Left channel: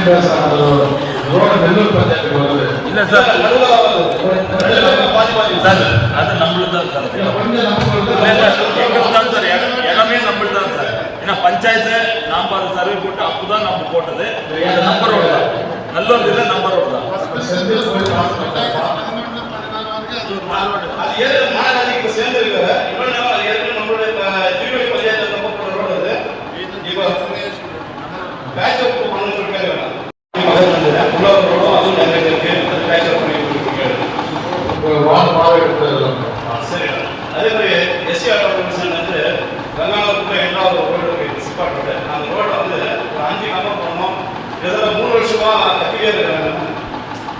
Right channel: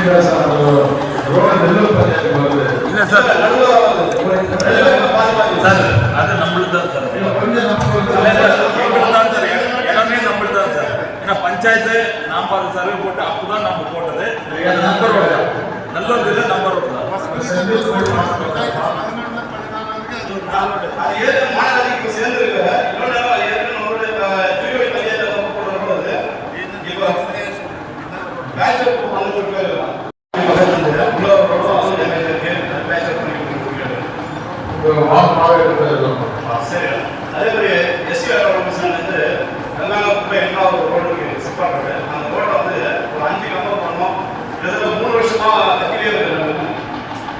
இல்லை sir sir அது நம்மளுக்கு தான் சார் எங்களுக்கு தான் சார் இடமே நம்மளுக்கு தான் சார். ஏன்னா பஞ்சாயத்து நாம் அது சர்வே போட்டு அப்போதான் நம்ம போட்டது. அந்த நம்பர் ரோடு தான், நல்லூர் இல்லை நம்பர் ரோடு தான். அதே மாதிரி எஸ்சி ஆட்டோமேஷன் வந்து கங்காபுரம் எட்டாவது ரோடு இருக்கு சிப்பாட் ரோடு. அந்த ரோட்டை வந்து ஒரு 5 கம்பம் பண்ணோம். கிட்டத்தட்ட 3 வருஷமா கட்டிலே இருக்காங்க.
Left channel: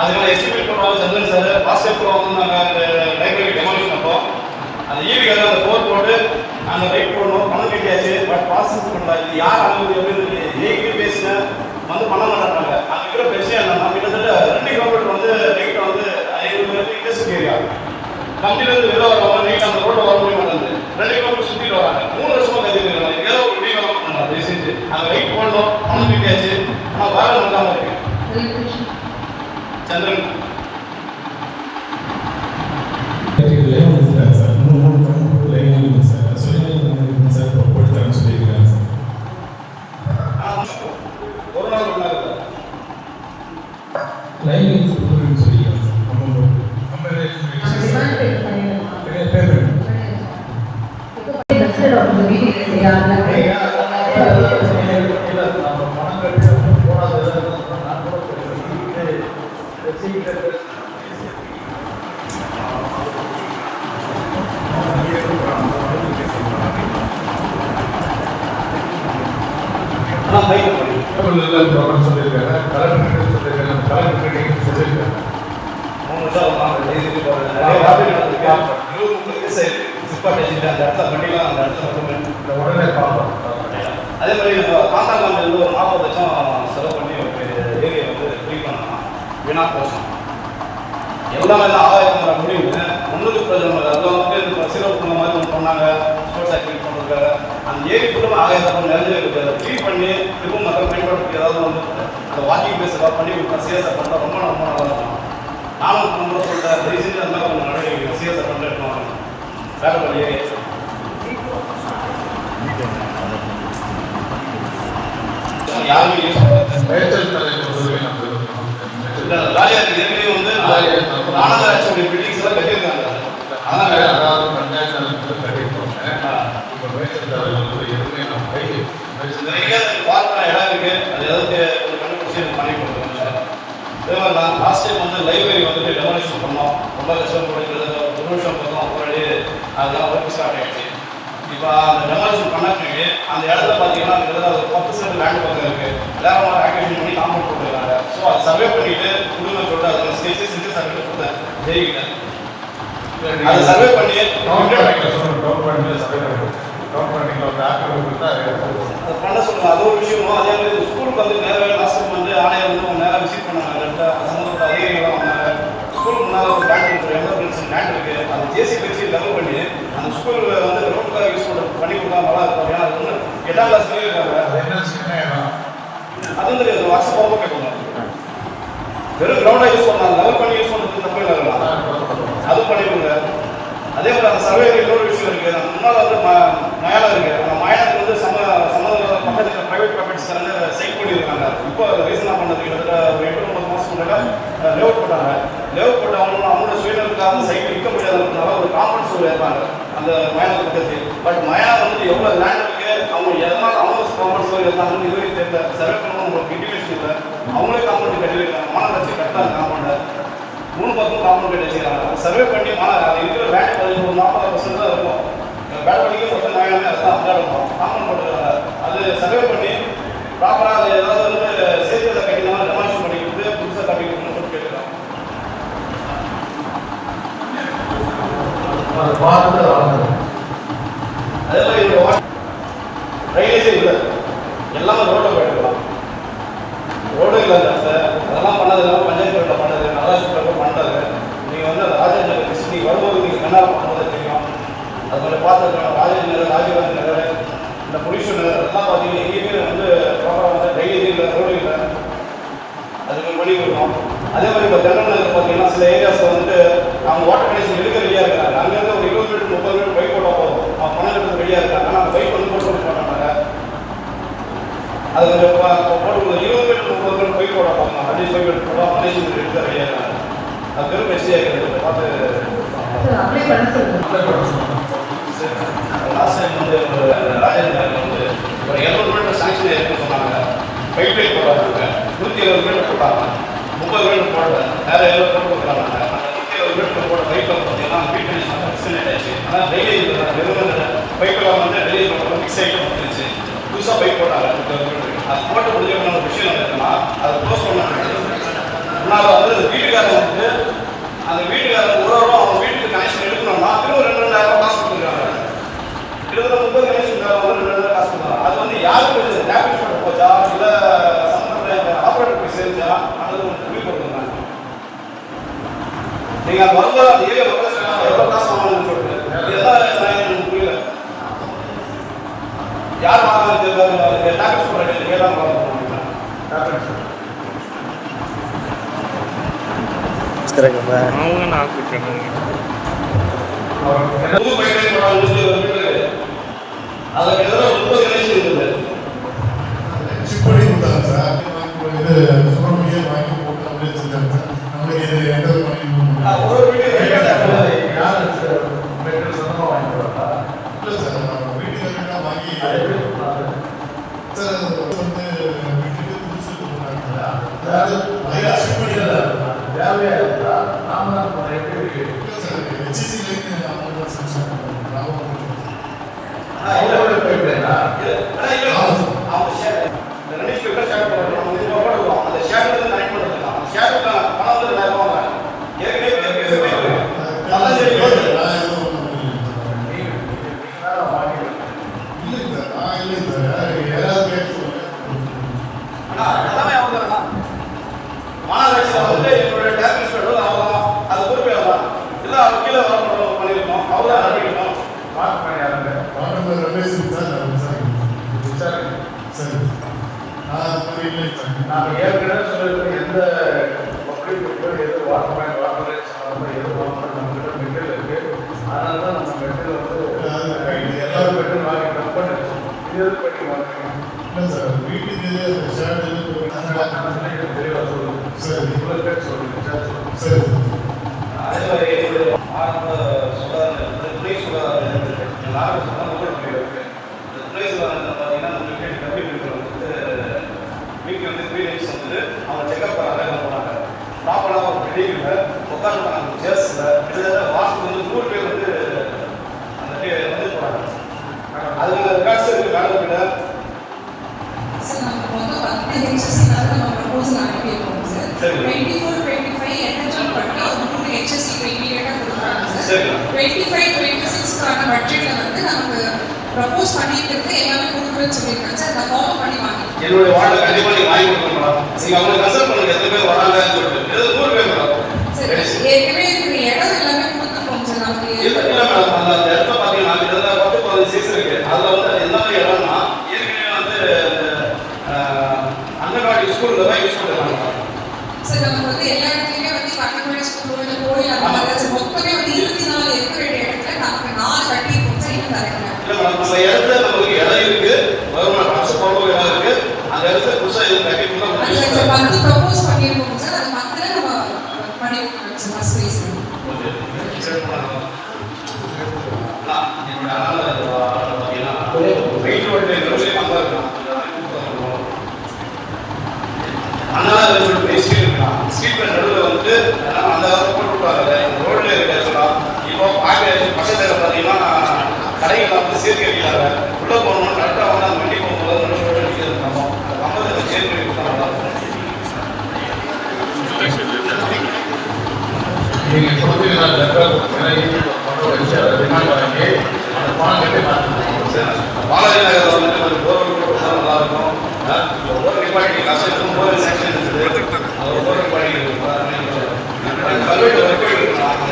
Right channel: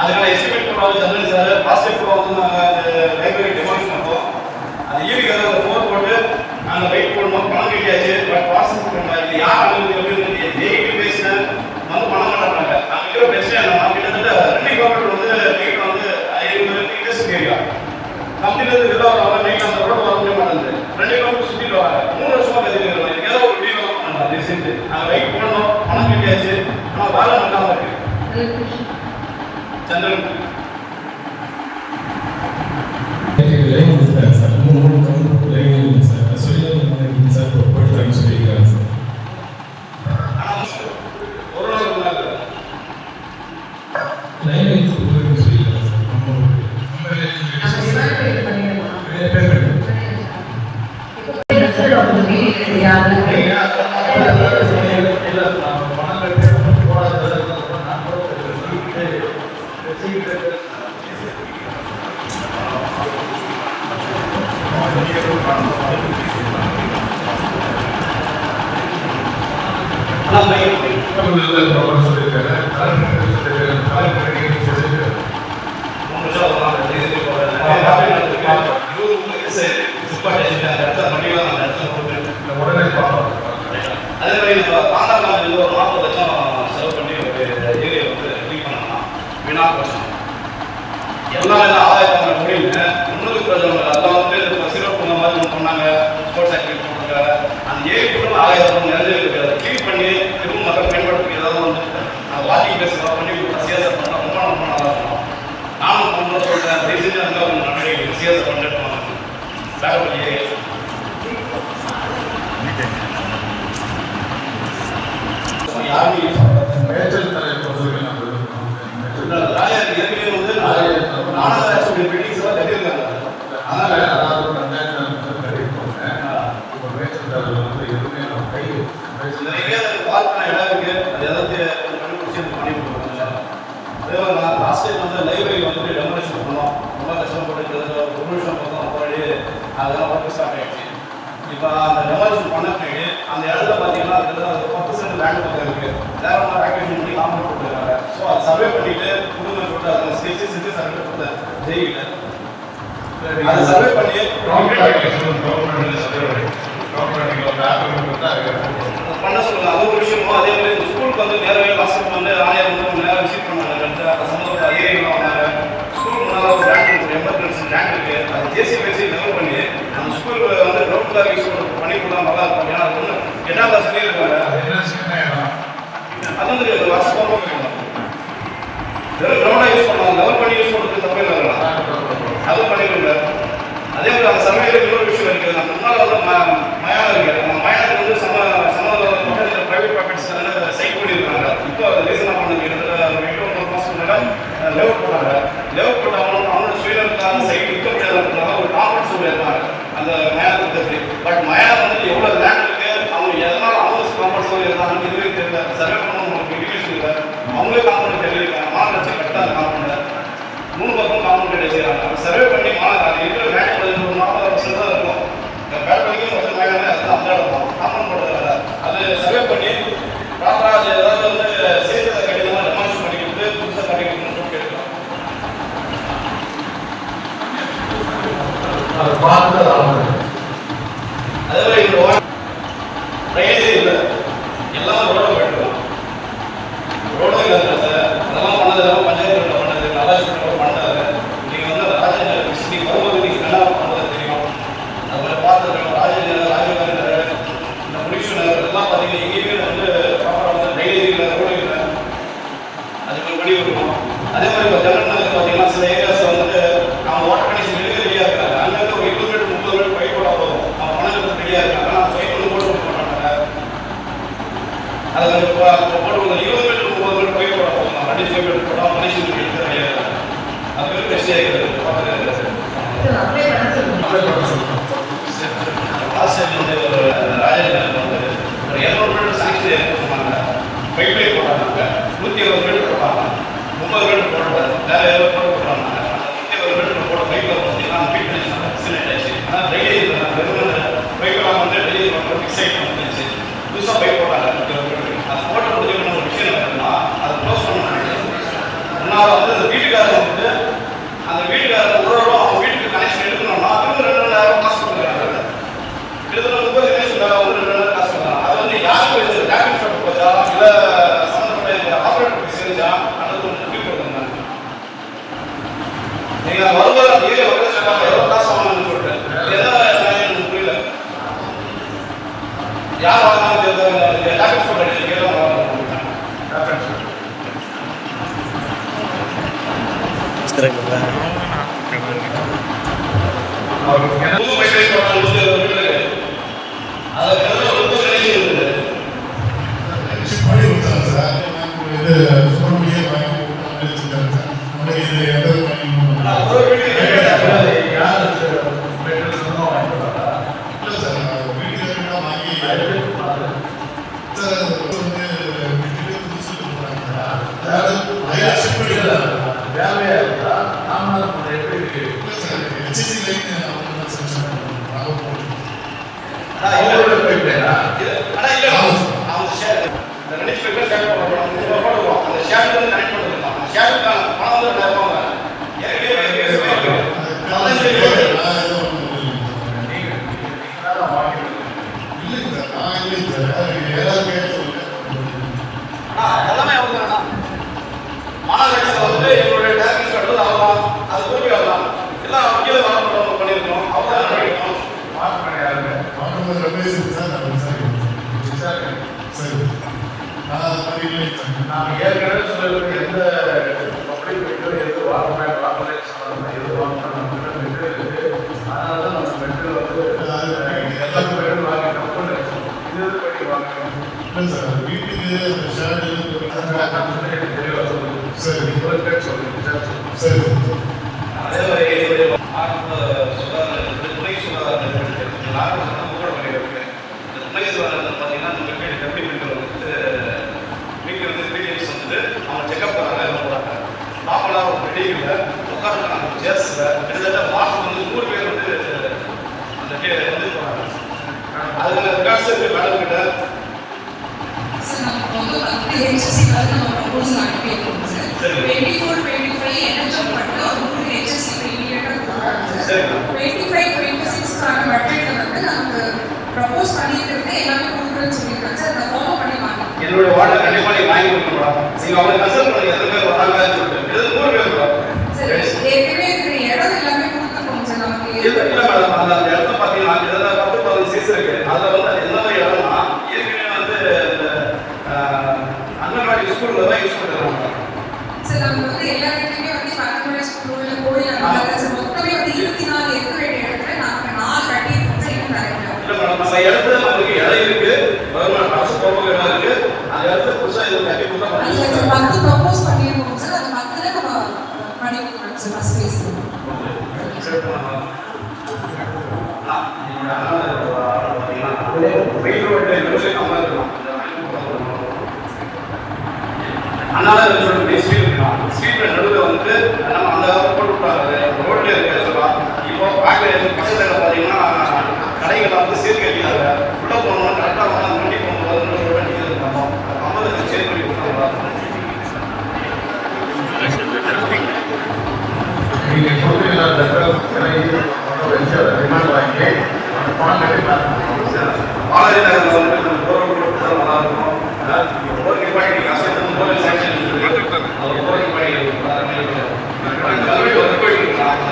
அதனால எஸ்டிமேட் பண்ணுவாங்க சந்திரன் சார் பாஸ்கெட் வந்து நாங்கள் அந்த லைப்ரரி டெமாலிஷ் பண்ணுறோம். அந்த ஈவிக்காக அந்த ஃபோர் போட்டு நாங்கள் வெயிட் பண்ணோம், பணம் கட்டியாச்சு. பட் ப்ராசஸ் பண்ணலாம். இது யார் அனுமதி அப்படின்னு ஏகிட்டு பேசினேன் வந்து பண்ண மாட்டாங்க. அங்கே இருக்கிற பிரச்சனை இல்லை. நம்ம கிட்டத்தட்ட 2 கிலோமீட்டர் வந்து நைட்டில் வந்து இண்டஸ்ட்ரி ஏரியா கம்பெனிலேருந்து வெளில வரவங்க நைட் அந்த ரோடு வர முடிய மாட்டேங்குது. 2 கிலோமீட்டர் சுற்றிட்டு வராங்க. 3 வருஷமா கட்டிருக்காங்க. ஏதோ ஒரு வீடியோ பண்ணலாம் ரீசெண்ட். நாங்கள் வெயிட் பண்ணோம், பணம் கட்டியாச்சு. ஆனால் வேலை நடக்காம இருக்கு. சந்திரன் அதே மாதிரி பாந்தாக்காமல் ஒரு 40 லட்சம் செலவு பண்ணி ஒரு ஏரியா வந்து ஃப்ரீ பண்ணலாம். வீணா போச்சோம் எல்லாமே தான் ஆதாயத்தை முடியல. முன்னுக்கு பிரச்சனை அதெல்லாம் பேர் சிறப்பு மாதிரி ஒன்று பண்ணாங்க. ஸ்போர்ட்ஸ் ஆக்டிவிட்டி பண்ணுறதுக்காக அந்த ஏரி குடும்பம் ஆதாயத்தை நிறைய இருக்குது. க்ளீன் பண்ணி திரும்ப மக்கள் மேம்படுத்தி ஏதாவது வந்து அந்த வாக்கிங் பிளேஸ் பண்ணி ஒரு சிஎஸ்ஆர் பண்ணால் ரொம்ப நல்லா இருக்கும். நானும் பண்ண சொல்கிறேன். ரீசெண்டாக இருந்தால் அவங்க நடவடிக்கை சிஎஸ்ஆர் பண்ணிட்டு பேக்கப்பள்ளி ஏரி யாருமே யூஸ் பண்ணுறது இல்லை. வாலியார் ஏற்கனவே வந்து மாநகராட்சி பில்டிங்ஸ் எல்லாம் கட்டியிருக்காங்க. அதான் நிறைய பார்க்க இடம் இருக்கு. அது ஏதாவது கண்டுபிடிச்சி பண்ணி கொடுக்குறாங்க. அதே மாதிரி நான் லாஸ்ட் டைம் வந்து லைப்ரரி வந்துட்டு டெமாலிஷன் பண்ணோம். 1 லட்சம் போட்டு 1 நிமிஷம் பார்த்தோம். முன்னாடி அதெல்லாம் ஒர்க் ஸ்டார்ட் ஆகிடுச்சு. இப்போ அந்த டெமாலிஷன் பண்ண பின்னாடி அந்த இடத்துல பார்த்தீங்கன்னா கிட்டத்தட்ட 10 சென்ட் லேண்ட் பக்கம் இருக்குது. வேற ஒன்று ஆக்டிவேஷன் பண்ணி காம்பவுண்ட் போட்டுருக்காங்க. ஸோ அதை சர்வே பண்ணிட்டு கொடுங்க சொல்லிட்டு அதில் ஸ்டேஜஸ் செஞ்சு சர்வே கொடுத்தேன் ஜெயிக்கிட்ட. அதை சர்வே பண்ணி பண்ண சொல்லுங்க. அது ஒரு விஷயமும். அதே மாதிரி ஸ்கூலுக்கு வந்து நேரவே மாதத்துக்கு வந்து ஆணையர் வந்து நேராக விசிட் பண்ணாங்க. சம்பந்தப்பட்ட அதிகாரிகளாக வந்தாங்க. ஸ்கூலுக்கு முன்னால் ஒரு லேண்ட் இருக்குது, 80% லேண்ட் இருக்குது. அது ஜேசி வச்சு லெவல் பண்ணி அந்த ஸ்கூலில் வந்து கிரவுண்டுக்காக யூஸ் பண்ணி கொடுத்தா நல்லா இருக்கும். ஏன்னா அது ஒன்று 8ஆம் கிளாஸ்லேயே இருக்காங்க. அது வந்து வருஷம் போக கேட்கணும். வெறும் கிரவுண்டாக யூஸ் பண்ணலாம், லெவல் பண்ணி யூஸ் பண்ணுறதுக்கு தப்பே வரலாம். அதுவும் பண்ணிக்கோங்க. அதே மாதிரி அந்த சர்வேல இன்னொரு விஷயம் இருக்குது. அந்த முன்னால் வந்து மயானம் இருக்குது. அந்த மயானத்துக்கு வந்து பக்கத்தில் ப்ரைவேட் ப்ராப்பர்ட்டிஸ் சைட் பண்ணியிருக்காங்க. இப்போ ரீசனாக பண்ணது 8 மாதம் லேஅவுட் போட்டாங்க. லேஅவுட் போட்டு அவங்களோட சுயநலத்துக்காக சைட் விற்க முடியாதுன்றதுனால ஒரு காம்பவுண்ட் சூழல் இருந்தாங்க அந்த மயானத்துக்கு. பட் மயானம் வந்து எவ்வளோ லேண்ட் இருக்குது, அவங்க எதனால் அவங்க காம்பவுண்ட் சூழல் இருந்தாங்கன்னு இதுவே தெரியல. சர்வே பண்ணணும் ஒரு இண்டிகேஷன் இல்லை. அவங்களே காம்பவுண்ட் கட்டிருக்காங்க. மாநகராட்சி கரெக்டாக காம்பவுண்ட் 3 பக்கம் காம்பவுண்ட் கட்டி வச்சுருக்காங்க. சர்வே பண்ணி இருக்கிற லேண்ட் ஒரு 40% தான் இருக்கும். பேல்கனிக்கு மொத்தம் மயானம் எல்லாம் அப்படிதான் இருக்கும். காம்பவுண்ட் போட்டதில்லை. அது சர்வே பண்ணி ப்ராப்பராக அது ஏதாவது வந்து சேர்த்து கட்டிதான் டெமாலிஷன் பண்ணி கொடுத்து புதுசாக கட்டி கொடுக்கணும்னு சொல்லிட்டு இருக்கோம். அதே மாதிரி இந்த ட்ரைனேஜே இல்லை. எல்லாமே ரோட்டை போயிட்டுருக்கோம். ரோடும் இல்லை. அதெல்லாம் பண்ணது பஞ்சாயத்து பண்ணது நல்லா பண்ணது. நீங்கள் வந்து ராஜேந்திர விசிட்டி வரும்போது நீங்கள் நல்லா பண்ணுறது தெரியும். அதில் பார்த்துருக்காங்க. ராஜீவ்காந்தி நகர், இந்த பொலியூஷன் நகர் எல்லாம் பார்த்தீங்கன்னா எங்கேயுமே வந்து ப்ராப்பராக வந்து ட்ரைனேஜ் இல்லை, ரோடு இல்லை. அதே மாதிரி இப்போ ஜன்னல் வந்து பார்த்தீங்கன்னா சில ஏரியாஸில் வந்து அவங்க வாட்டர் கனெக்ஷன் எடுக்க ரெடியாக இருக்காங்க. அங்கேருந்து ஒரு 20 மீட்டர் 30 மீட்டர் பைப் போட்டால் போதும், அவங்க பணம் எடுத்து ரெடியாக இருக்காங்க. ஆனால் பைப் வந்து போட்டு மாட்டாங்க. அது கொஞ்சம் போட்டு 20 மீட்டர் 30 மீட்டர் பைப் போட போதும், 2 மீட்டர் போட கனெக்ஷன் எடுக்க ரெடியாக இருக்காங்க. அது பெரும் பிரச்சனையாக இருக்குது. லாஸ்ட் டைம் வந்து ராஜேந்திரன் வந்து ஒரு 200 மீட்டர் சாங்ஷன் ஏற்பட சொன்னாங்க. பைப் போட்டாங்க, 120 மீட்டர் போட்டாங்க, 30 மீட்டர் போடல, வேற ஏதோ போட்டாங்க. 120 மீட்டர் போட பைப் பார்த்தீங்கன்னா பைப் கனெக்ஷன் ஆச்சு. ஆனால் டெய்லி பைப்பெல்லாம் வந்து டெய்லி ஃபிக்ஸ் ஆகிட்டு வந்துருச்சு. புதுசாக பைப் போட்டாங்க. அது போட்ட முடிஞ்ச ஒரு விஷயம் இருக்குன்னா அதை க்ளோஸ் பண்ண முன்னால் வந்து வீட்டுக்காரர் வந்து அந்த வீட்டுக்காரர் உறவோட அவங்க வீட்டுக்கு கனெக்ஷன் எடுக்கணும்னா இன்னும் 2,000 காசு கொடுக்குறாங்க. கிட்டத்தட்ட 30 கனெக்ஷன் வந்து 2,000 காசு கொடுக்குறாங்க. அது வந்து யாருக்கு டேமேஜ் பண்ண போச்சா இல்லை சம்மந்தப்பட்ட ஆப்ரேட்டருக்கு சேர்ந்தா அல்லது ஒரு முடிவு போடுங்க. நீங்கள் வரும்போது அந்த ஏரியா வந்து சொன்னாங்க எவ்வளோ காசு வாங்கணும்னு சொல்லிட்டு என்ன புரியல. யார் வாங்கினாலும் தெரியாத டேமேஜ் பண்ண கேட்கலாம் வாங்க. மாநகராட்சியில் வந்து எங்களுடைய டேரக்டர் பண்ணுறது அதெல்லாம் அது குறிப்பி வரலாம் இல்லை அவங்க கீழே வர பண்ணியிருக்கோம் அவ்வளோ அனுப்பியிருக்கோம். நாம் ஏற்கனவே சொல்லக்கூடிய எந்த எது வாங்கணும் எது வாங்கணும் அதனால தான் நம்ம மெட்டீரியல் வந்து எல்லா மெட்டீரியல் வாங்கிட்டோம். இது பெட்டி வாங்கணும் வீட்டுக்கு எனக்கு தெளிவாக சொல்லுங்கள். சரி சொல்லுங்கள். சரி அதே மாதிரி என்னுடைய ஆரம்ப துணை சுகாதாரம் துணை சுகாதாரத்தில் பார்த்தீங்கன்னா நம்ம வீட்டு கல்வி வீட்டில் வந்து வீட்டில் வந்து ப்ரீமியம்ஸ் வந்து அவங்க செக்அப் போகிறாங்க போகிறாங்க பாப்பெல்லாம் ஒரு பெரிய உட்காந்துருக்காங்க சேர்ஸில் கிட்டத்தட்ட மாதத்துக்கு வந்து 100 பேர் வந்து அந்த வந்து போகிறாங்க. அதுக்கான ரெக்கார்ட்ஸ் இருக்குது மேடம் கிட்ட. சரி 24-25 எனர்ஜி பண்ணி உங்களுக்கு HSC இமீடியட்டா கொடுக்குறாங்க சார். 25-26க்கான பட்ஜெட்ல வந்து நமக்கு ப்ரப்போஸ் பண்ணிட்டு எல்லாமே கொடுக்குறேன்னு சொல்லியிருக்காங்க சார். அதை ஃபாலோ பண்ணி வாங்க. என்னோட வார்டு கண்டிப்பாக நீங்கள் வாங்கி கொடுக்கணும். நீங்கள் அவங்க கன்சல்ட் பண்ணுங்க எத்தனை பேர் வராங்கன்னு சொல்லிட்டு. இது 100 பேர் வரும். சரி ஏற்கனவே இருக்கிற இடம் எல்லாமே கொடுத்துருக்கோம் சார் நமக்கு. இல்லை மேடம் அந்த இடத்துல பார்த்தீங்கன்னா கிட்டத்தட்ட 10-15 சீஸ் இருக்கு. அதில் வந்து அது என்ன மாதிரி இடம்னா ஏற்கனவே வந்து அங்கன்வாடி ஸ்கூலில் தான் யூஸ் பண்ணுறாங்க சார். நமக்கு வந்து எல்லா இடத்துலையுமே வந்து அங்கன்வாடி ஸ்கூல் கோயில் அந்த மாதிரி சார் மொத்தமே வந்து 24 இருக்கிற இடத்துல நமக்கு 4 கட்டியிருக்கோம் சார். இன்னும் நிறைய நம்ம இடத்துல நமக்கு இடம் இருக்கு, கவர்மெண்ட் அரசு பொறுப்பு இடம் இருக்கு. அந்த இடத்துல புதுசாக இது கட்டி கொடுத்தா இல்லை சார் 10 ப்ரப்போஸ் பண்ணியிருக்கோம் சார். அது 10ல நம்ம பண்ணி கொடுக்குறோம் சார் ஃபர்ஸ்ட் ஃபேஸ். அண்ணா ஸ்ட்ரீட் நடுவில் வந்து நம்ம அந்த போட்டுருவாங்க ரோட்ல இருக்க சொல்லலாம். இப்போ பார்க்க பக்கத்தில் பார்த்தீங்கன்னா கடைகளை வந்து சேர்த்து வைக்கிறாங்க. உள்ள போகணும் கரெக்டாக வந்து அந்த வண்டி போகும்போது வண்டி இருக்கணும் 50 சேர் பண்ணி கொடுத்தாங்க. நீங்கள் கொடுக்குறீங்க மாதிரி நகரில் வந்து ஒரு கவர்மெண்ட் போட்டு தர நல்லா இருக்கும். ஒரு நிப்பாட்டி காசு போது செக்ஷன் இருக்குது. அது ஒரு நிப்பாட்டி கல்வெட்டு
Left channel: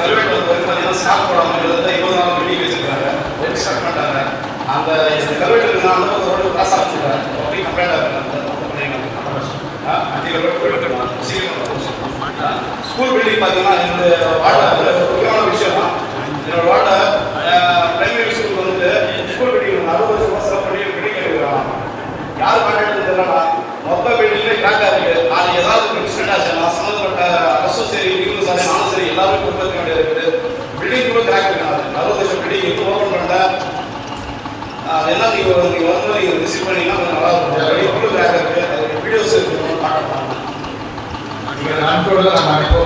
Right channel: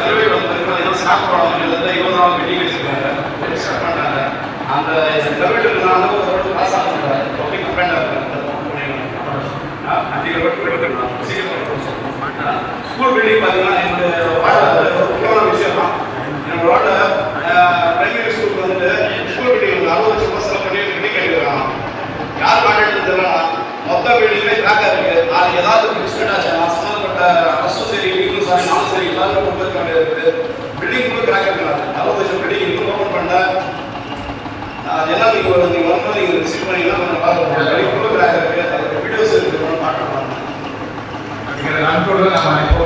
கல்வெட்டு வந்து பார்த்தீங்கன்னா ஸ்டாக் போடுறது 20ஆம் பில்டிங் வச்சிருக்காங்க. ஒரு ஸ்டாக் பண்ணுறாங்க. அந்த கல்வெட்டுக்கு நான் வந்து ஒரு காசாக பண்ணுறேன். அப்படி கம்ப்ளைண்டாக இருக்குது. சீக்கிரம் ஸ்கூல் பில்டிங் பார்த்தீங்கன்னா என்னுடைய வார்டில் ஒரு முக்கியமான விஷயம் தான். என்னோட வார்டில் பிரைமரி ஸ்கூலுக்கு வந்துட்டு ஸ்கூல் பில்டிங் 60 லட்சம் ரூபாய் செலவு பண்ணி பில்டிங் கட்டிருக்காங்க. யார் கான்ட்ராக்ட் தெரியலன்னா மொத்த பில்டிங்லேயே கிராக்காக இருக்குது. நாளைக்கு ஏதாவது ஒரு இன்சிடென்ட் ஆச்சுன்னா சம்மந்தப்பட்ட அரசும் சரி நீங்களும் சரி நானும் சரி எல்லாருமே பொறுப்பேற்க வேண்டியது இருக்குது. பில்டிங் கூட கிராக் இருக்காங்க. 60 லட்சம் பில்டிங் இப்போ ஓப்பன் பண்ண அது என்ன நீங்கள் வரும்போது நீங்கள் விசிட் பண்ணிங்கன்னா கொஞ்சம் நல்லா இருக்கும். பில்டிங் கூட கிராக் இருக்குது. அதுக்கு வீடியோஸ் இருக்குது. நண்பர்கள் நம்ம இப்போ